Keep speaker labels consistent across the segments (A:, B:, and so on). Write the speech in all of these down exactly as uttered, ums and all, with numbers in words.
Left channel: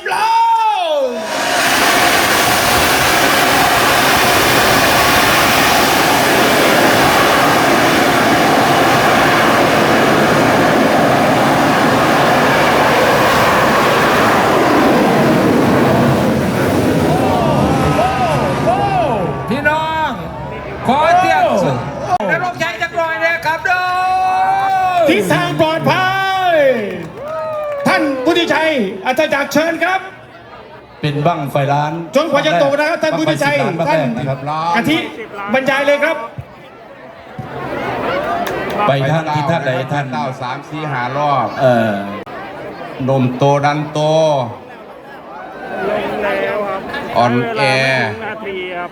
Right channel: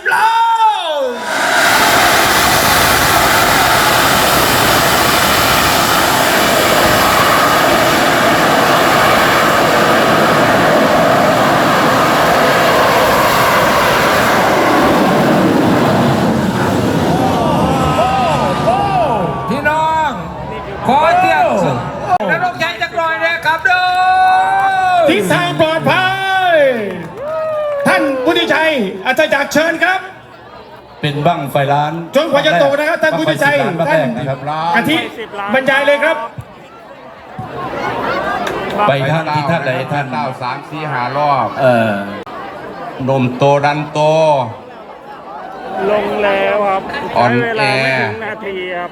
A: โล
B: พี่น้องขอเสียงนรกชัยจักรลอยเลยครับเด้อ
A: ทิศทางปลอดภัยท่านผู้ที่ชัยอาจารย์จากเชิญครับ
C: เป็นบั้งไฟล้าน
A: จนกว่าจะตกนะครับท่านผู้ที่ชัย
C: บั้งไฟ
A: ท่าน
C: สิบล้านบั้งแรกนะครับ
A: อาทิตย์บรรยายเลยครับ
C: ไปท่านที่ท่านใดท่าน
D: เก้าสามสี่หารอบ
C: เออน
D: มโตดันโต
E: ลงแล้วครับ
D: อ่อน
E: ใช้เว
D: แอ
E: ลาไม่ถึงนาทีครับ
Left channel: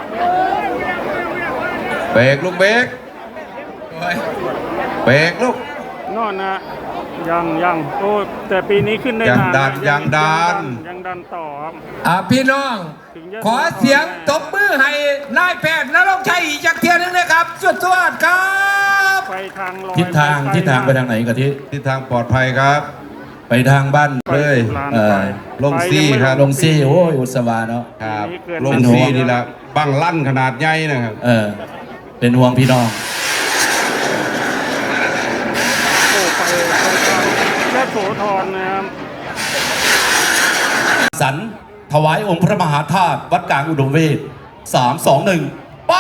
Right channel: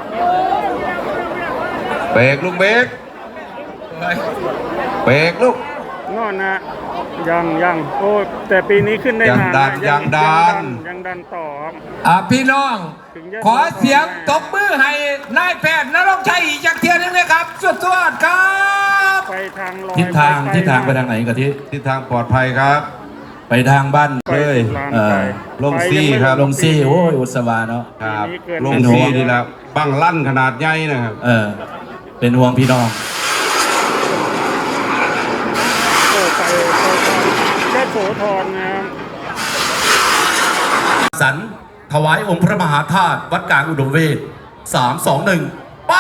D: เบรกลูกเบรกเบรกลูก
E: นอนนะยังยังโอ้แต่ปีนี้ขึ้นได้
D: ยัง
E: นาน
D: ดัน
E: นะ
D: ยังดัน
E: ยังดันต่อครับ
B: อ่าพี่น้อง ขอเสียงตบมือให้นายแพทย์นรกชัยอีกจากเทียนนึงนะครับสุดยอดครับ
E: ไปทางลอย
C: ทิศทาง
E: ไป
C: ทิศทางไปทางไหนกะทิ
D: ทิศทางปลอดภัยครับ
C: ไปทางบ้าน
E: ไป
D: เลย
E: ลาน
C: เออ
E: ไป
D: ลงซี่
E: ไปยังไม่
D: ครับ
C: ลงซี่โอ้ยอุตสวาเนาะ
D: ครับ
E: ปีนี้เกิน
D: ลงซี่นี่แหละบั้งลั่นขนาดใหญ่นะครับ
C: เออเป็นห่วงพี่น้อง
E: โอ้ไปไปทางแค่โสธรนะครับ
C: สันถวายองค์พระมหาธาตุวัดกลางอุดมเวทสามสองหนึ่งไป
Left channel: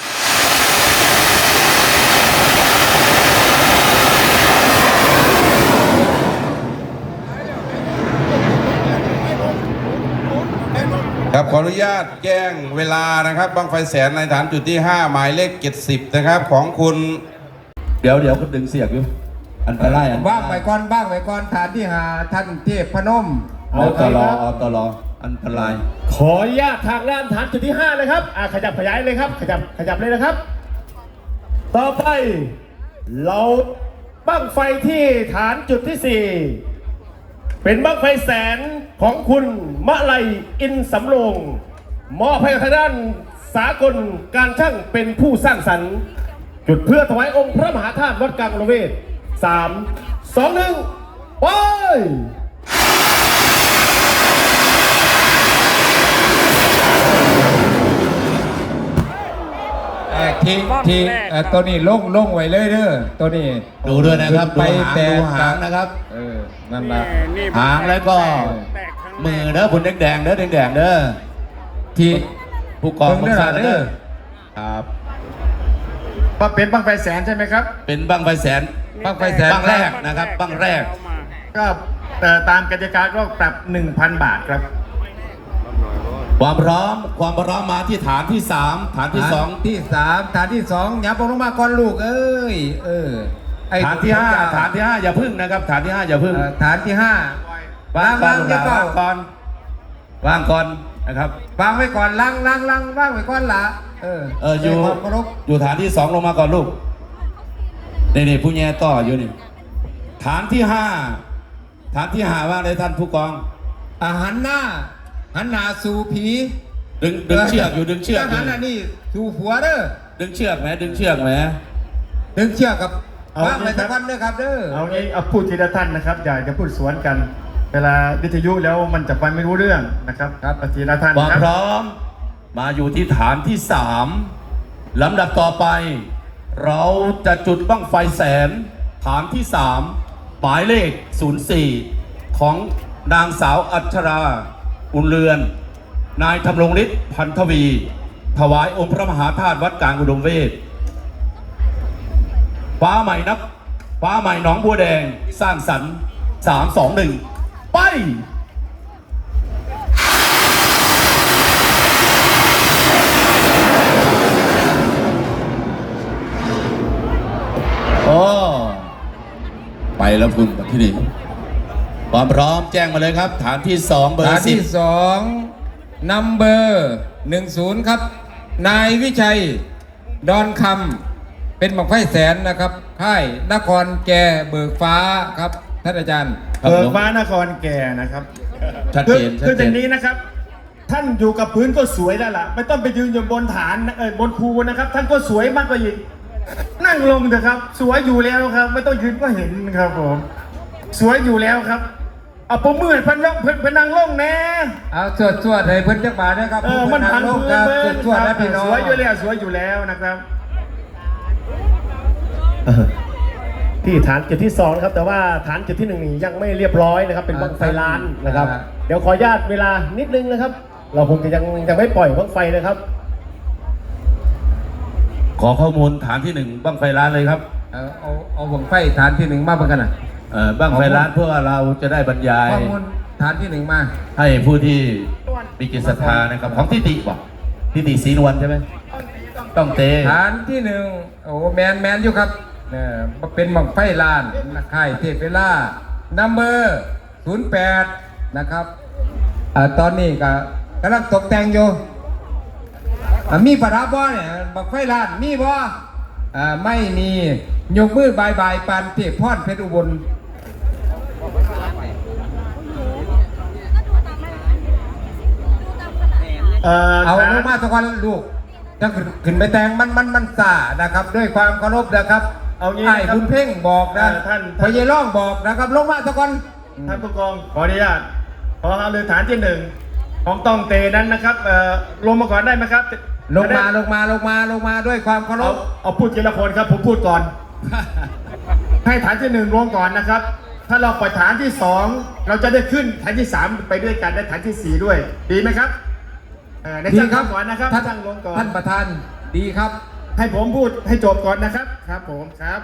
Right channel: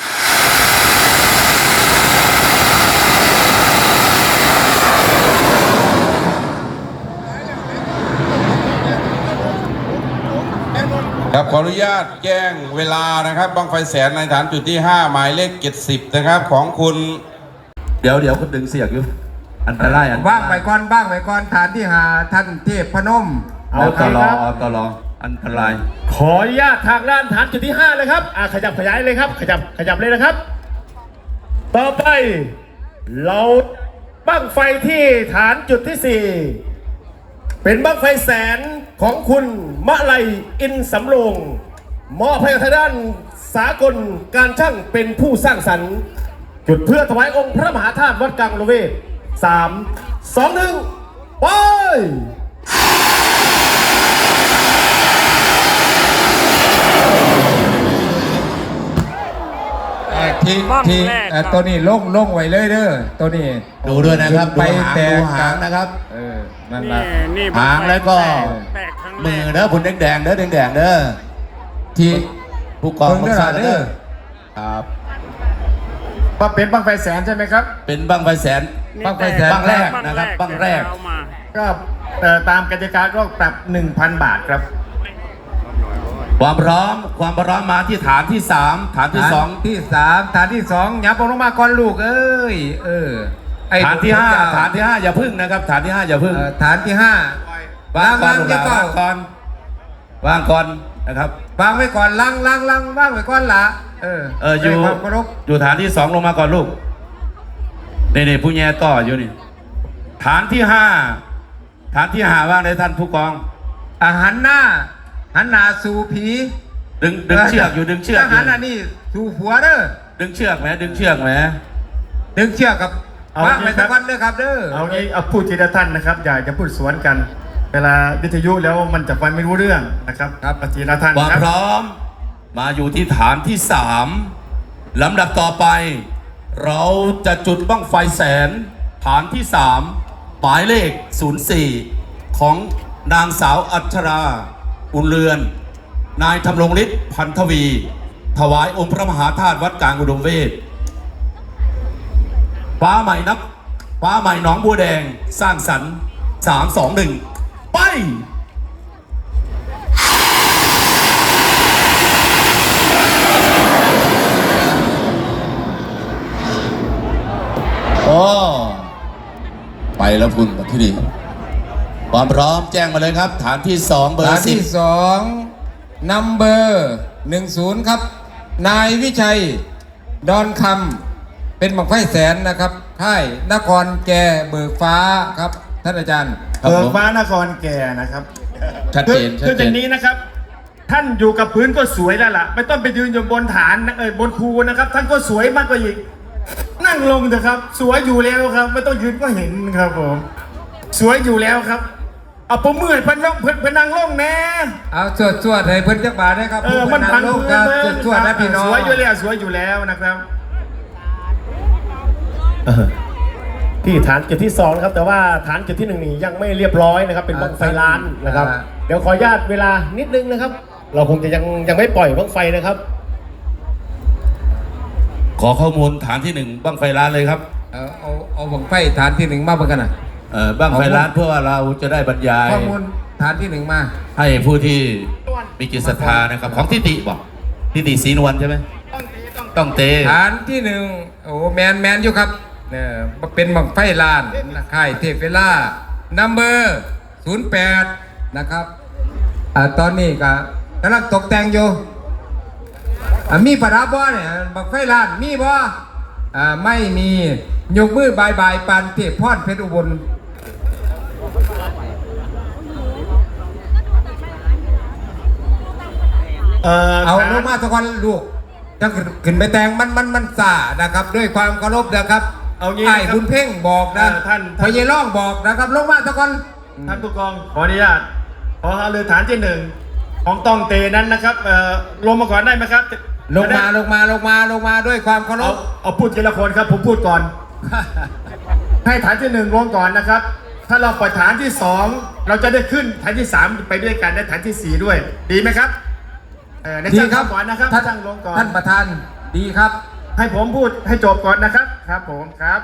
D: ครับขออนุญาตแจ้งเวลานะครับบั้งไฟแสนในฐานจุดที่ห้าหมายเลขเจ็ดสิบนะครับของคุณ
C: เดี๋ยวเดี๋ยวก็ดึงเสียกอยู่อันตรายอันตราย
B: ว่างไปก่อนบ้างไปก่อนฐานที่หาท่านเทพพนม
C: เอาตลอเอาตลออันตราย
A: ขออนุญาตทางด้านฐานจุดที่ห้าเลยครับอ่าขยับขยายเลยครับ ขยับขยับเลยนะครับ ต่อไป เราบั้งไฟที่ฐานจุดที่สี่เป็นบั้งไฟแสนของคุณมะไลอินสำโรงมอบให้ทางด้านสากลการช่างเป็นผู้สร้างสรรค์ จุดเพื่อถวายองค์พระมหาธาตุวัดกลางอุดมเวทสามสองหนึ่งไป
B: ทีทีเอ่อตัวนี้ลงลงไว้เลยเด้อตัวนี้
C: ดูด้วยนะครับ
B: ไป
C: ดูหาง
B: แต่
C: ดูหางนะครับ
B: เออนั่นแหละ
E: นี่
C: หางแล้วก็
E: แตกครั้งแร
C: มือเด้อคุณแดงแดงๆเด้อแดงแดงๆเด้อ
B: ที่
C: ผู้กอง
B: เบิ่งเด้อ
C: สร้าง
B: เด้
C: เด้
B: อ
C: อครับ
A: ว่าเป็นบั้งไฟแสนใช่ไหมครับ
C: เป็นบั้งไฟแสน
E: นี่
C: บั้งไฟแสน
E: ต
C: บั้งแรกนะครับบั้งแรก
E: เอามา
A: ก็เอ่อตามกติกาก็ปรับ หนึ่งพัน บาทครับ
C: ความพร้อมความพร้อมมาที่ฐานที่สามฐานที่สอง
B: ฐานที่สามฐานที่สองอย่าลงมาก่อนลูกเอ้ยเออไอ้
C: ฐานที่ห้าฐานที่ห้าอย่าพึ่งนะครับ ฐานที่ห้าอย่าพึ่ง
B: เอ่อฐานที่ห้าว
C: างก่อน
B: จะเก้าว
C: างก่อนวางก่อนนะครับ
B: วางไว้ก่อนลังลังลังวางไว้ก่อนละเออ
C: เอออยู่
B: ด้วยความเคารพ
C: อยู่ฐานที่สองลงมาก่อนลูกนี่นี่ผู้แย่ต่ออยู่นี่ฐานที่ห้าฐานที่ห้าว่างเลยท่านผู้กอง
B: อาหันหน้าหันหน้าสู่ผี
C: ดึงดึงเชือกอยู่ดึงเชือก
B: ท
C: อ
B: หา
C: ยู่
B: รอันนี้สู่หัวเด้อ
C: ดึงเชือกไหมดึงเชือกไหม
B: ดึงเชือกกับ
A: เอา
B: วางไว้
A: งี้ครับ
B: ตะวันเด้อครับเด้อ
A: เอางี้เอาพูดทีละท่านนะครับ อย่าจะพูดสวนกัน เวลาวิทยุแล้วมันจะฟังไม่รู้เรื่องนะครับครับทีละท่าน
C: ความ
A: ครับ
C: พร้อมมาอยู่ที่ฐานที่สามลำดับต่อไป เราจะจุดบั้งไฟแสน ฐานที่สามหมายเลขศูนย์สี่ของนางสาวอัชรา อุ่นเรือน นายธำรงฤทธิ์พันธวี ถวายองค์พระมหาธาตุวัดกลางอุดมเวทฟ้าใหม่นับฟ้าใหม่หนองบัวแดงสร้างสรรค์สามสองหนึ่งไป โอ้ไปแล้วคุณที่นี่ความพร้อมแจ้งมาเลยครับ ฐานที่สองเบอ
B: ฐาน
C: ร์สิบ
B: ที่สองนัมเบอร์หนึ่งศูนย์ครับ นายวิชัย ดอนคำเป็นบังไฟแสนนะครับค่ายนครแก่เบิกฟ้าครับท่านอาจารย์
C: ครับ
A: เบิ
C: ผ
A: ก
C: ม
A: ฟ้านครแก่นะครับ
C: ชัด
A: คื
C: เจ
A: อน
C: ชัด
A: คือ
C: เจ
A: อน ย่างนี้นะครับ ท่านอยู่กับพื้นก็สวยแล้วล่ะ ไม่ต้องไปยืนอยู่บนฐานนะเอ้ยบนภูนะครับ ท่านก็สวยมากกว่าอีกนั่งลงเถอะครับ สวยอยู่แล้วครับ ไม่ต้องยืนก็เห็นครับผมสวยอยู่แล้วครับเอาผมมือเพิ่นลงเพิ่นเพิ่นนั่งลงแน่
B: เอาสวดสวดให้เพิ่นจักบาทนะครับ
A: เออมันพัน
B: โลก
A: พื้
B: คน รับ
A: เบิ่
B: สว
A: ง
B: ดสวดนะพี่น้อง
A: สวยอยู่แล้วสวยอยู่แล้วนะครับที่ฐานจุดที่สองนะครับแต่ว่าฐานจุดที่หนึ่งนี่ยังไม่เรียบร้อยนะครับเป็นบั้งไฟล้านนะครับเดี๋ยวขออนุญาตเวลานิดนึงนะครับ เราคงจะยังยังไม่ปล่อยบั้งไฟนะครับ
C: ขอข้อมูลฐานที่หนึ่งบ้างไฟล้านเลยครับ
B: เอาเอาเอาบังไฟฐานที่หนึ่งมาเบิ่งกันนะ
C: เออบ้างไฟล้านเพื่อเราจะได้บรรยาย
B: ข้อมูลฐานที่หนึ่งมา
C: ให้ผู้ที่มีจิตศรัทธานะครับ ของทิติบอกทิติศรีนวลใช่ไหมต้องเต
B: ฐานที่หนึ่งโอ้แมนแมนอยู่ครับเนี่ยเป็นบังไฟลานค่ายเทพเวลานัมเบอร์ศูนย์แปดนะครับอ่าตอนนี้ก็กำลังตกแต่งอยู่อ่ามีประดับบ่เนี่ยบังไฟลานมีบ่อ่าไม่มียกมือบายบายปานเทพพรเพชรอุบล
A: เอ่อ
B: เอาลงมาสักวันลูกจะขึ้นไปแต่งมันมันมันสานะครับ ด้วยความเคารพนะครับ
A: เอางี้
B: ไอ้
A: นะครับ
B: บุญเพ่งบอกนะ
A: เออท่าน
B: พยายร่องบอกนะครับลงมาสักวัน
A: ท่านผู้กองขออนุญาตขอเอาเลยฐานที่หนึ่งของต้องเตนั้นนะครับเอ่อลงมาก่อนได้ไหมครับ
B: ลงมาลงมาลงมาลงมาด้วยความเคาร
A: เอา
B: พ
A: เอาพูดทีละคนครับผมพูดก่อน ให้ฐานที่หนึ่งลงก่อนนะครับ ถ้าเราปล่อยฐานที่สองเราจะได้ขึ้นฐานที่สามไปด้วยกันและฐานที่สี่ด้วย ดีไหมครับเอ่อใน
B: ดี
A: ช่าง
B: ครับ
A: ก่อนนะครับ
B: ท่าน
A: ช่างลงก่อน
B: ท่านประธานดีครับ
A: ให้ผมพูดให้จบก่อนนะครับครับผมครับ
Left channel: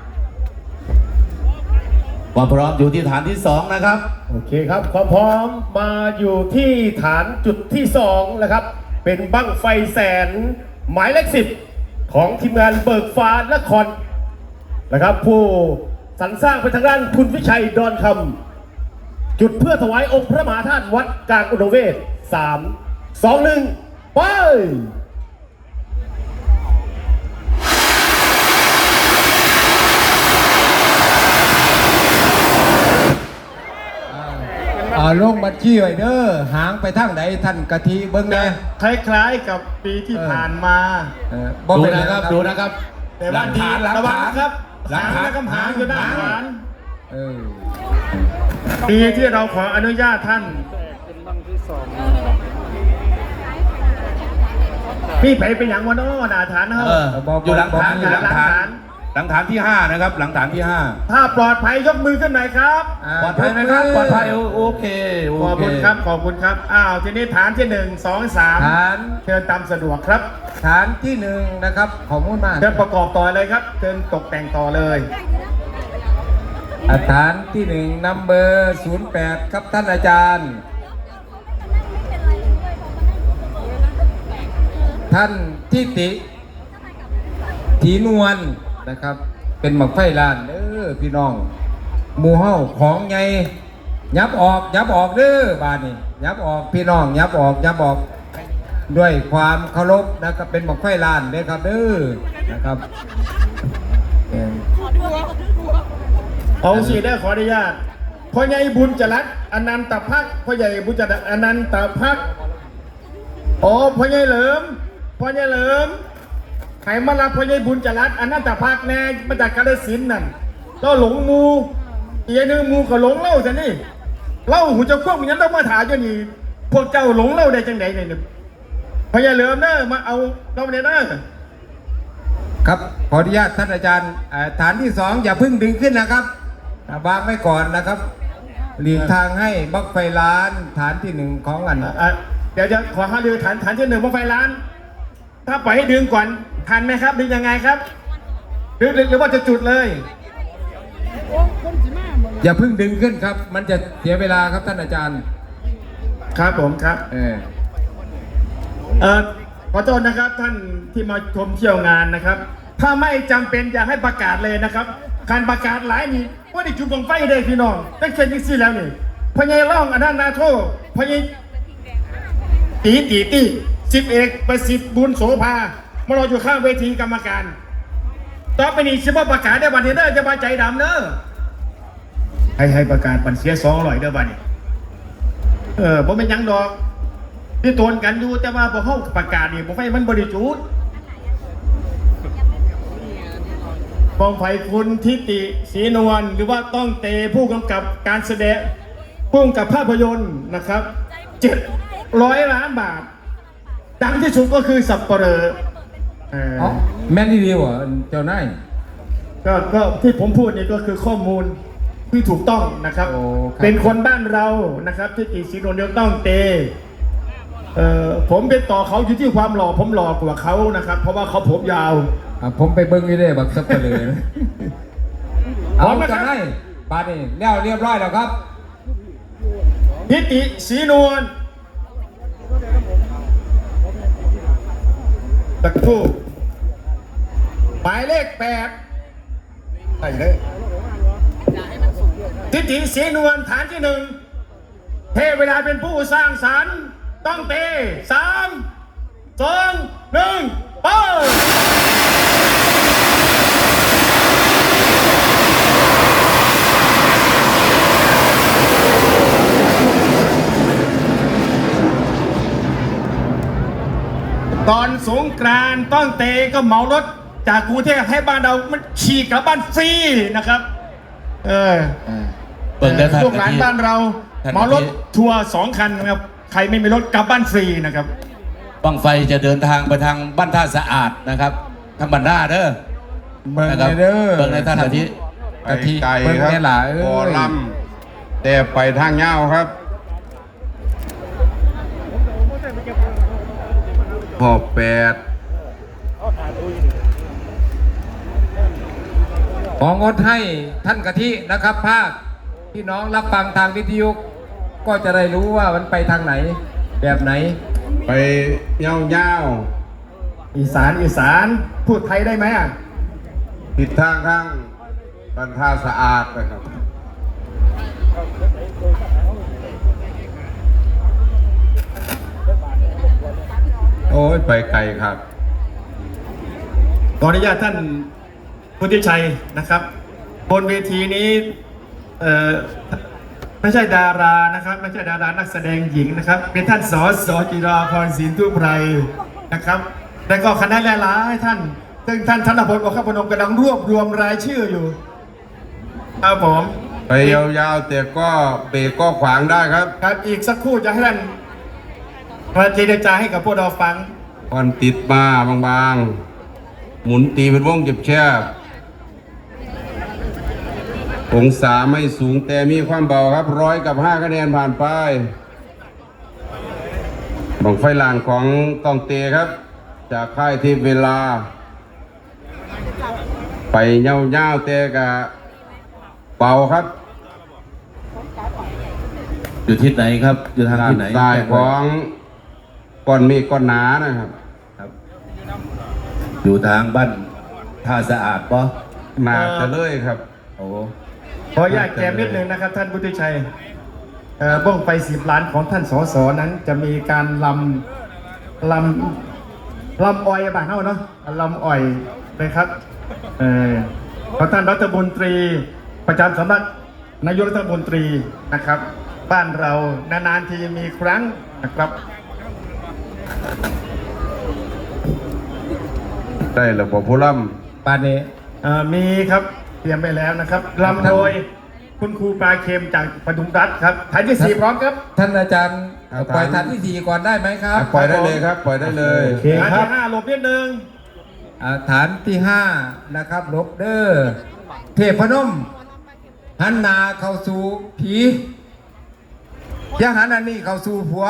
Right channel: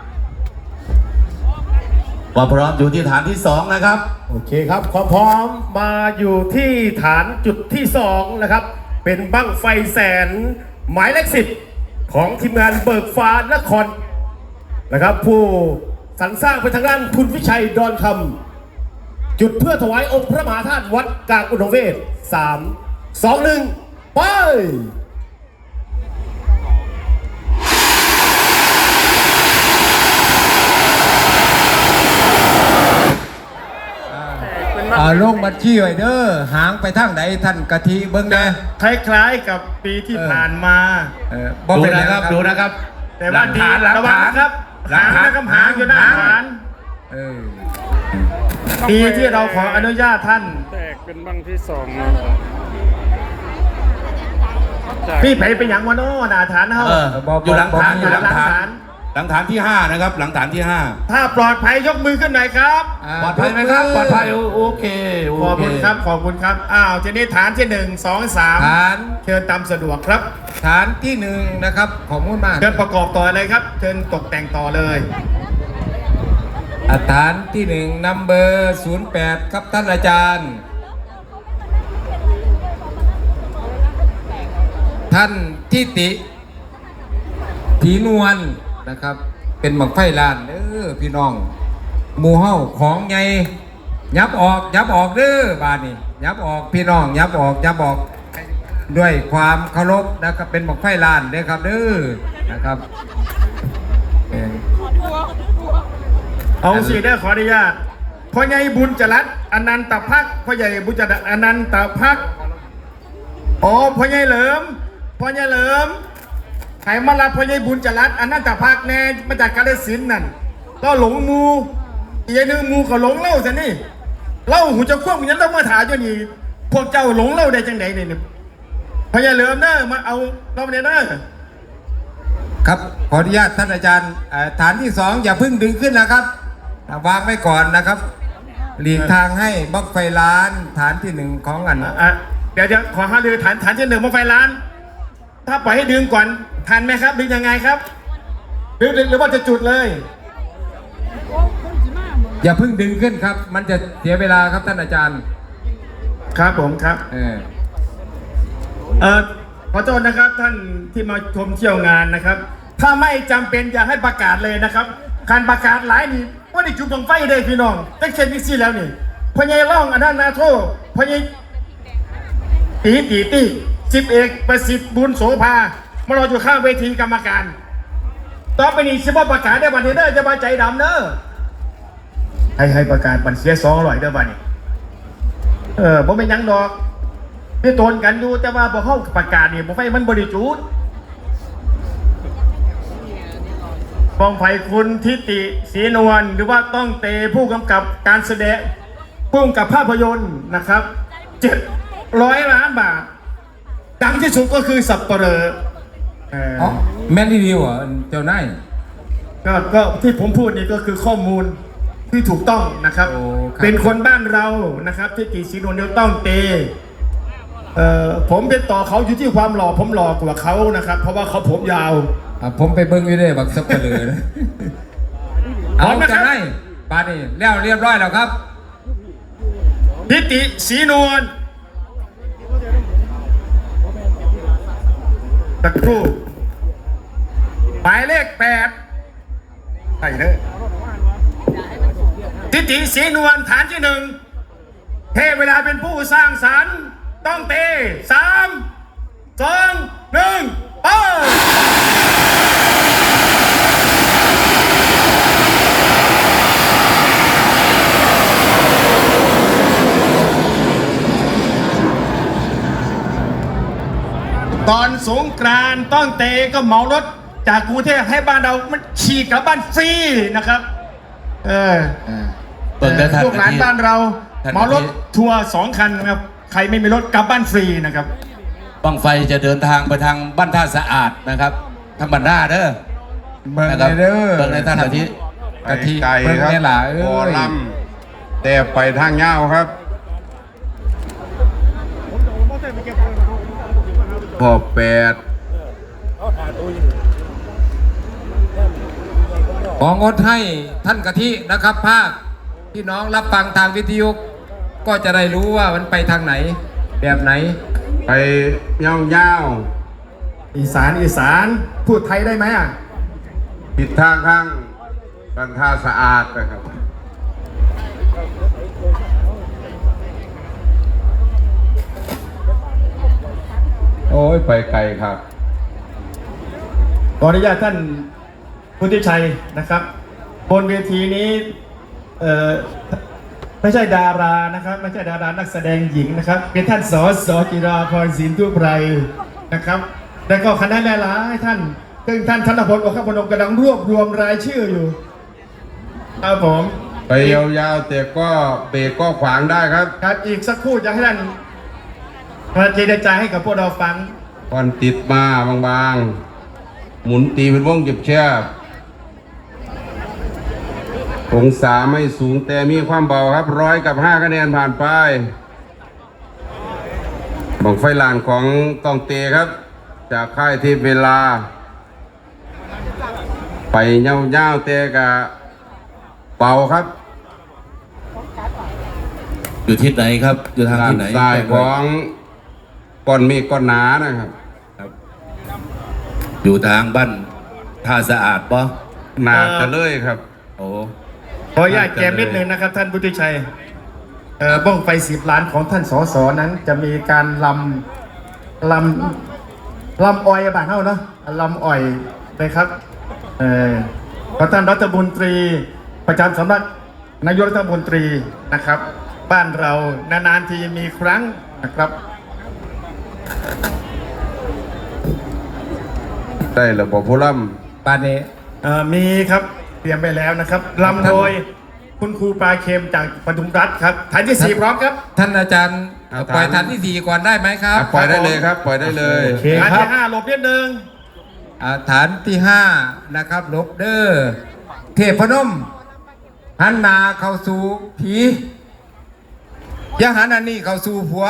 C: ความพร้อมอยู่ที่ฐานที่สองนะครับ
A: โอเคครับความพร้อมมาอยู่ที่ฐานจุดที่สองนะครับ เป็นบั้งไฟแสนหมายเลขสิบของทีมงานเบิกฟ้านครนะครับ ผู้สรรสร้างเป็นทางด้านคุณวิชัยดอนคำจุดเพื่อถวายองค์พระมหาธาตุวัดกลางอุดมเวศสามสองหนึ่งไป
B: อ่าลงบัญชีไว้เด้อหางไปทางไหนท่านกะทิเบิ้งแน่
A: คล้ายๆกับปีที่ผ่านมา
B: เออ
C: ดู
B: เป็นไร
C: นะครับดูนะครับ
A: แต่ว่าดี
C: หลัก
A: ระวั
C: ฐาง น
A: นะครับ
C: หลัก
A: หาง
C: ฐาน
A: นะครับหางอยู่ด้านขวาน
B: เออ
A: ปีที่เราขออนุญาตท่าน
E: แตกเป็นบังที่สอง
A: พี่ไผเป็นอย่างวันโน้นอาฐานเฮา
C: เอออยู่หลังฐานอยู่หลัง
A: หลัง
C: ฐา
A: ฐาน น
C: หลังฐานที่ห้านะครับ หลังฐานที่ห้า
A: ถ้าปลอดภัยยกมือขึ้นหน่อยครับ
B: อ่า
C: ปลอดภัยไหมครับปลอดภัยโอโอเคโอ
A: ขอบ
C: เค
A: คุณครับขอบคุณครับอ้าวทีนี้ฐานที่หนึ่งสองสาม
B: ฐาน
A: เชิญตามสะดวกครับ
B: ฐานที่หนึ่งนะครับขอบคุณมาก
A: เชิญประกอบต่อเลยครับเชิญตกแต่งต่อเลย
B: อ่าฐานที่หนึ่งนัมเบอร์ศูนย์แปดครับท่านอาจารย์ ท่านทิติถีนวลนะครับ เป็นหมักไฟลานเด้อพี่น้องหมู่เฮาของไงยับออกยับออกเด้อบานนี้ยับออกพี่น้องยับออกยับออกด้วยความเคารพนะครับเป็นหมักไฟลานเด้อครับเด้อนะครับเอ่อ
A: เอาสิได้ขออนุญาตพ่อใหญ่บุญจรัสอนันตภักดิ์พ่อใหญ่บุญจรัสอนันตภักดิ์อ๋อพ่อใหญ่เหลิมพ่อใหญ่เหลิมไขมาลาพ่อใหญ่บุญจรัสอนันตภักดิ์แน่มาจากกาฬสินธุ์นั่นก็หลงมูอีกอย่างหนึงมูก็หลงเล่าซะนี่เล่าหูจะควบมันยังต้องมาถามอยู่นี่พวกเจ้าหลงเล่าได้จังไหนเนี่ยพ่อใหญ่เหลิมเนอะมาเอาเราเนี่ยเนอะ
B: ครับขออนุญาตท่านอาจารย์เอ่อฐานที่สองอย่าเพิ่งดึงขึ้นนะครับอ่าวางไว้ก่อนนะครับหลีกทางให้บล็อกไฟล้านฐานที่หนึ่งของอัน
A: อ่ะเดี๋ยวจะขอหารือฐานฐานที่หนึ่งมงไฟล้าน ถ้าปล่อยให้ดึงก่อนทันไหมครับดึงยังไงครับหรือหรือหรือว่าจะจุดเลย
B: อย่าเพิ่งดึงขึ้นครับ มันจะเสียเวลาครับท่านอาจารย์
A: ครับผมครับ
B: เออ
A: เอ่อขอโทษนะครับท่านที่มาชมเที่ยวงานนะครับ ถ้าไม่จำเป็นอยากให้ประกาศเลยนะครับการประกาศหลายนี่ว่าได้จุดบังไฟได้พี่น้องตั้งเช่นนี้สิแล้วนี่พญายร่องอนันต์นาโทพญายตีตีตีสิบเอกประสิทธิ์บุญโสภามารออยู่ข้างเวทีกรรมการต่อไปนี้ชิบประกาศได้บันนี้เด้อจะมาใจดำเด้อให้ให้ประกาศบันเสียสองร้อยเด้อบันนี้เออผมเป็นหยังดอกที่โตนกันอยู่แต่ว่าพอเข้าประกาศนี่ผมไฟมันบริจุดปองไผ่คุณทิติศรีนวลหรือว่าต้องเตผู้กำกับการแสดงพุ่งกับภาพยนตร์นะครับเจ็ดร้อยล้านบาทดังที่สุดก็คือสับเปลอเอ่อ
B: อ๋อแม่นดีๆเหรอเจ้านาย
A: ก็ก็ที่ผมพูดนี่ก็คือข้อมูลที่ถูกต้องนะครับ
B: โอ้ครับ
A: เป็นคนบ้านเรานะครับที่ติศรีนวลยังต้องเตเอ่อผมเป็นต่อเขาอยู่ที่ความหล่อผมหล่อกว่าเขานะครับ เพราะว่าเขาผมยาว
B: อ่ะผมไปเบิ้งอยู่เด้บักสับเปลือนะ
A: พร้
B: เอา
A: อมนะครับ
B: เจ้านายบาดนี่แล้วเรียบร้อยแล้วครับ
A: ทิติศรีนวลตะครู่หมายเลขแปดใช่เลยทิติศรีนวลฐานที่หนึ่งเทเวลาเป็นผู้สร้างสรรค์ต้องเตะสามสองหนึ่งไป ตอนสงกรานต์ต้องเตก็เหมารถจากกรุงเทพให้บ้านเรามันฉีกกลับบ้านฟรีนะครับ เออ
C: เปิดได้ทัน
A: พวกหลานบ้านเรา
C: ทัน
A: เหมารถทัวร์สองคันนะครับ ใครไม่มีรถกลับบ้านฟรีนะครับ
C: บั้งไฟจะเดินทางไปทางบ้านท่าสะอาดนะครับทางบ้านท่าเด้อ
B: เบิ้ง
C: นะครับ
B: เด้อ
C: เบิ่งในท่านอาทิตย์
B: กะทิ
D: ไกล
B: เบิ้ง
D: ครับ
B: แน่หล่ะเอ้
D: บอย ลำแต่ไปทางเงาวครับพอแปด
B: ของงดให้ท่านกะทินะครับภาคพี่น้องรับฟังทางวิทยุก็จะได้รู้ว่ามันไปทางไหน แบบไหน
D: ไปเงาเงา
A: อีสานอีสานพูดไทยได้ไหมอ่ะ
D: ๆผิดทางข้างกันท่าสะอาดนะครับ โอ้ย ไปไกลครับ
A: ขออนุญาตท่านพุทธิชัยนะครับ บนเวทีนี้เอ่อไม่ใช่ดารานะครับ ไม่ใช่ดารานักแสดงหญิงนะครับ เป็นท่านสอสจิราพรศิลตุไพรนะครับ แล้วก็คณะหลายๆท่านซึ่งท่านธนพลโอคพนมกำลังรวบรวมรายชื่ออยู่ครับผม
D: ไปยาวๆแต่ก็เบรกก็ขวางได้ครับ
A: ครับอีกสักครู่จะให้ท่านมาเจรจาให้กับพวกเราฟัง
D: ควันติดมาบางๆ หมุนตีเป็นวงเก็บแคบองศาไม่สูงแต่มีความเบาครับร้อยกับห้าคะแนนผ่านไปบังไฟลานของกองเตครับ จากค่ายเทพเวลา ไปเง่าเง่าๆแต่กะเบาครับ
C: อยู่ทิศไหนครับ อยู่ทาง
D: ด้าน
C: ที่ไหน
D: ซ้ายของก้อนเมฆก้อนหนานะครับ
C: อยู่ทางบ้านท่าสะอาดปะ
D: หนาจะเลยครับ
C: โอ้
A: ขออนุญาตแกมนิดนึงนะครับ ท่านพุทธิชัยเอ่อบ้องไฟสิบล้านของท่านสสนั้นจะมีการลำลำลำอ้อยบ้านเฮาเนาะลำอ้อยนะครับเออของท่านรัฐมนตรีประจำสำนักนายกรัฐมนตรีนะครับ บ้านเรานานๆทีมีครั้งนะครับ
D: ได้ระบบผู้ล่
B: ปานนี้
A: เอ่อมีครับเตรียมไปแล้วนะครับลำโดยคุณครูปลาเค็มจากปทุมรัฐครับฐานที่สี่พร้อมครับ
B: ท่านอาจารย์ปล่อยฐานที่สี่ก่อนได้ไหมครับ
D: ำปล่อยได้เลยครับ ปล่อยได้เลย
A: โอเคฐานที่ห้าหลบนิดนึง
B: อ่าฐานที่ห้านะครับลบเดอร์เทพนมหันหนาเข้าสู่ผีอยังหันอันนี้เข้าสู่ผัว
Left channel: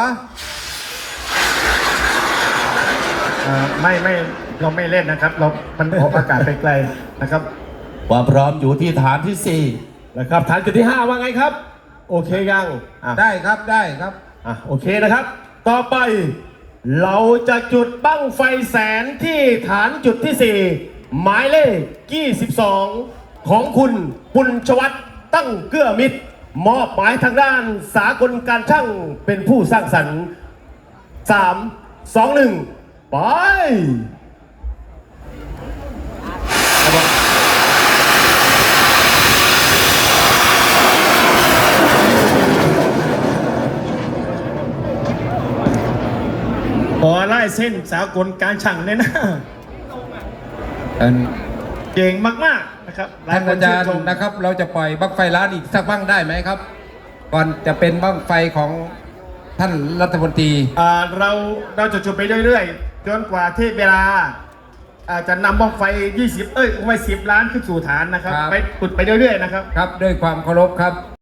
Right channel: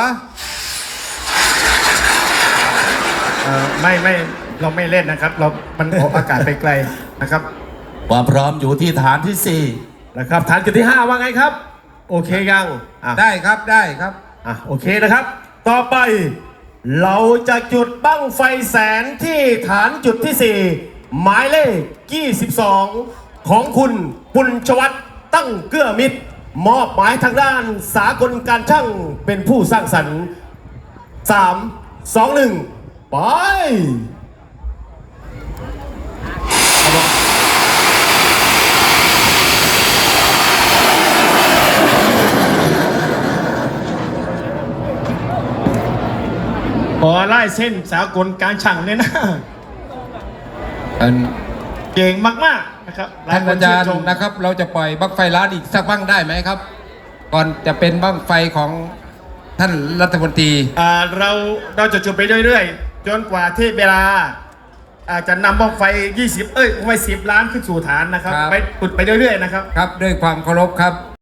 A: เอ่อไม่ไม่เราไม่เล่นนะครับ เรา มันออกอากาศไปไกลนะครับ
C: ความพร้อมอยู่ที่ฐานที่สี่
A: นะครับฐานจุดที่ห้าว่าไงครับ โอเคยังอ่ะ
B: ได้ครับได้ครับ
A: อ่ะโอเคนะครับ ต่อไป เราจะจุดบั้งไฟแสนที่ฐานจุดที่สี่หมายเลขยี่สิบสองของคุณปุญชวัฒน์ตั้งเกื้อมิตร มอบหมายทางด้านสากลการช่างเป็นผู้สร้างสรรค์สามสองหนึ่งไป ขอไล่เส้นสากลการช่างเลยนะ
B: ท่าน
A: เก่งมากๆนะครับ
B: ท่านอาจารย์
A: หลคชื่ชม
B: นะครับ เราจะปล่อยบักไฟล้านอีกสักบ้างได้ไหมครับก่อนจะเป็นบั้งไฟของท่านรัฐมนตรี
A: อ่าเราเราจะจุดไปเรื่อยๆ จนกว่าที่เวลาอาจจะนำบ้องไฟ ยี่สิบ เอ้ยไฟสิบล้านขึ้นสู่ฐานนะครับ
B: ครับ
A: ไปจุดไปเรื่อยๆนะครับ
B: ครับด้วยความเคารพครับ